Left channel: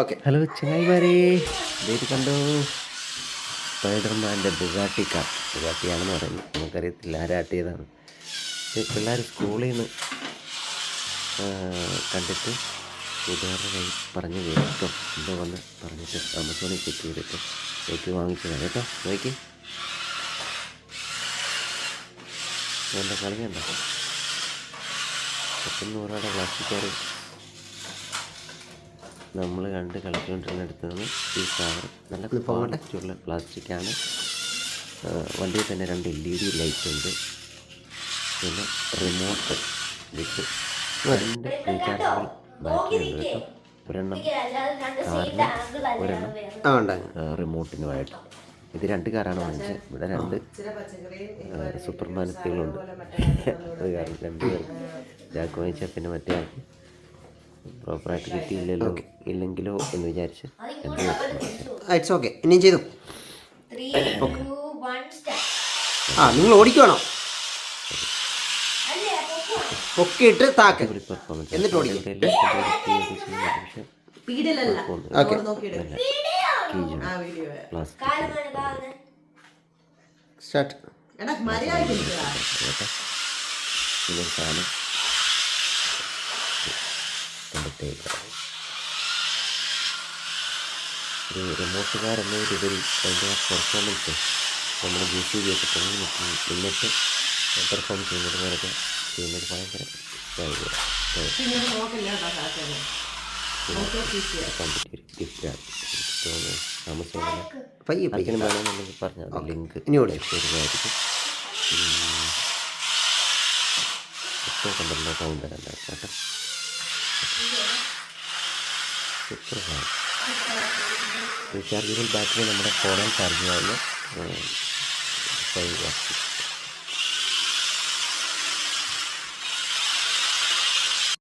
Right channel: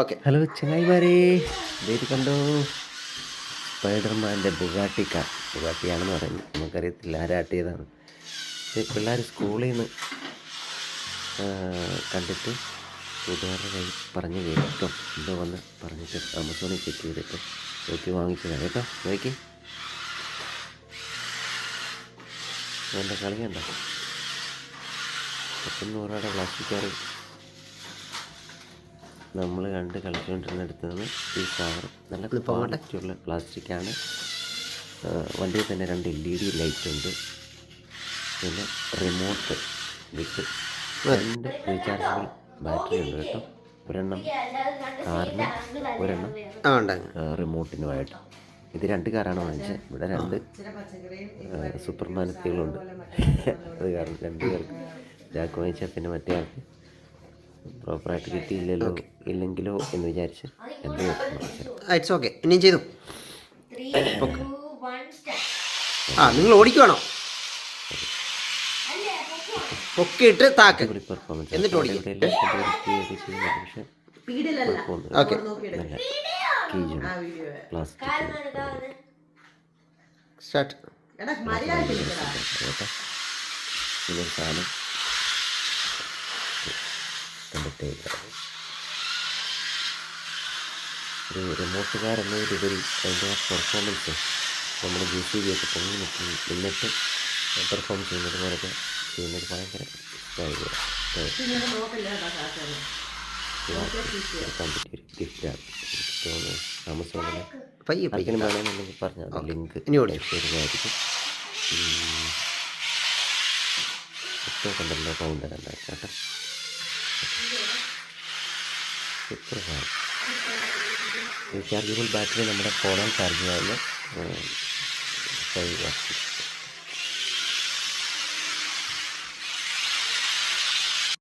Okay. Hello ചങ്ങായിമാരെ, ഇത് കണ്ടോ, സ്പൈഡർമാൻ്റെ ബുഗാട്ടി കാർ. ബുഗാട്ടിയാണെന്ന് പറയുന്നു, നമുക്കറിയത്തില്ല ആരാട്ടിയതാണ്. ഇത് പിള്ളേർ സ്കൂളിൽ നിന്ന് കണ്ടിട്ട് കൂട്ടുകാരുടെ കയ്യിൽ പറഞ്ഞ് കേട്ടോ, എന്തോ വന്ന് പറഞ്ഞിട്ട് ആമസോണിൽ ചെക്ക് ചെയ്തിട്ട് നോക്കി വാങ്ങിച്ചതാണ് കേട്ടോ. നോക്കി എൻ്റെ കളിയുണ്ടോ, 100 രൂപയുടെ പ്ലാസ്റ്റിക് കാർ നമ്മൾ കണ്ട് കളിച്ചുകൊണ്ടിരുന്നിടത്ത് നിന്ന് ഈ കാർ നല്ല ക്വാളിറ്റിയുള്ള പ്ലാസ്റ്റിക്കാണ്. വണ്ടിയിൽ തന്നെ 2 LED ലൈറ്റ് ഉണ്ട്, പിന്നെ റിമോട്ട് വിത്ത് 2 റീചാർജബിൾ ബാറ്ററി ഉണ്ട് കേട്ടോ. ഒരെണ്ണം കാറിനും ഒരെണ്ണം റിമോട്ടിനുമായിട്ട്. ഇത് 2 കാറാണ് വാങ്ങിച്ചത്. ഇവിടെ 2 സൂപ്പർമാനത്തികളുണ്ട്. അത് കാരണം 2 പേർക്ക് ജാക്ക് വാങ്ങിച്ചാൽ പിന്നെ മറ്റേ ആൾക്ക് പ്രോപ്പറായിട്ട് കിട്ടിയില്ലല്ലോ, ഇല്ലെങ്കിലോ എന്ന് വിചാരിച്ച് 2 പേർക്ക് വാങ്ങിച്ചത്. It's okay. ഇനിയും ചെയ്തു. നിങ്ങൾ ഓടിക്കുവാണോ? പൊക്കിയിട്ട് താക്ക് പെർഫോമൻസ് എന്നിട്ട് ഓടിക്കും. Plastic start. സാധനം കണ്ടിട്ടേക്ക് ഒരു റിമോട്ടുകാരെന്നതിലുപരി അതിൻ്റെ ആ പെർഫോമൻസ് നമ്മൾ JCB ഒക്കെ പൊങ്ങി നിന്നിട്ട് പെർഫോം ചെയ്യുന്നത് പോലൊക്കെ ചെയ്യുന്നത് ഭയങ്കര എടുക്കാൻ പറ്റിയൊരു ഗിഫ്റ്റാണ്. തോന്നുന്നു ആമസോണിൽ പയ്യനും വേണമെന്നുണ്ടെങ്കിൽ പറഞ്ഞാൽ ലിങ്ക് തരുന്നതായിരിക്കും. കണ്ടല്ലോ കൗണ്ട് കണ്ടായിരുന്നു കേട്ടോ. സൂപ്പർ സാധനം. റീചാർജബിൾ ബാറ്ററി നമ്മുടെ ഫോണിൽ ചാർജ് ചെയ്യാവുന്ന 5 വാട്ട്സ്.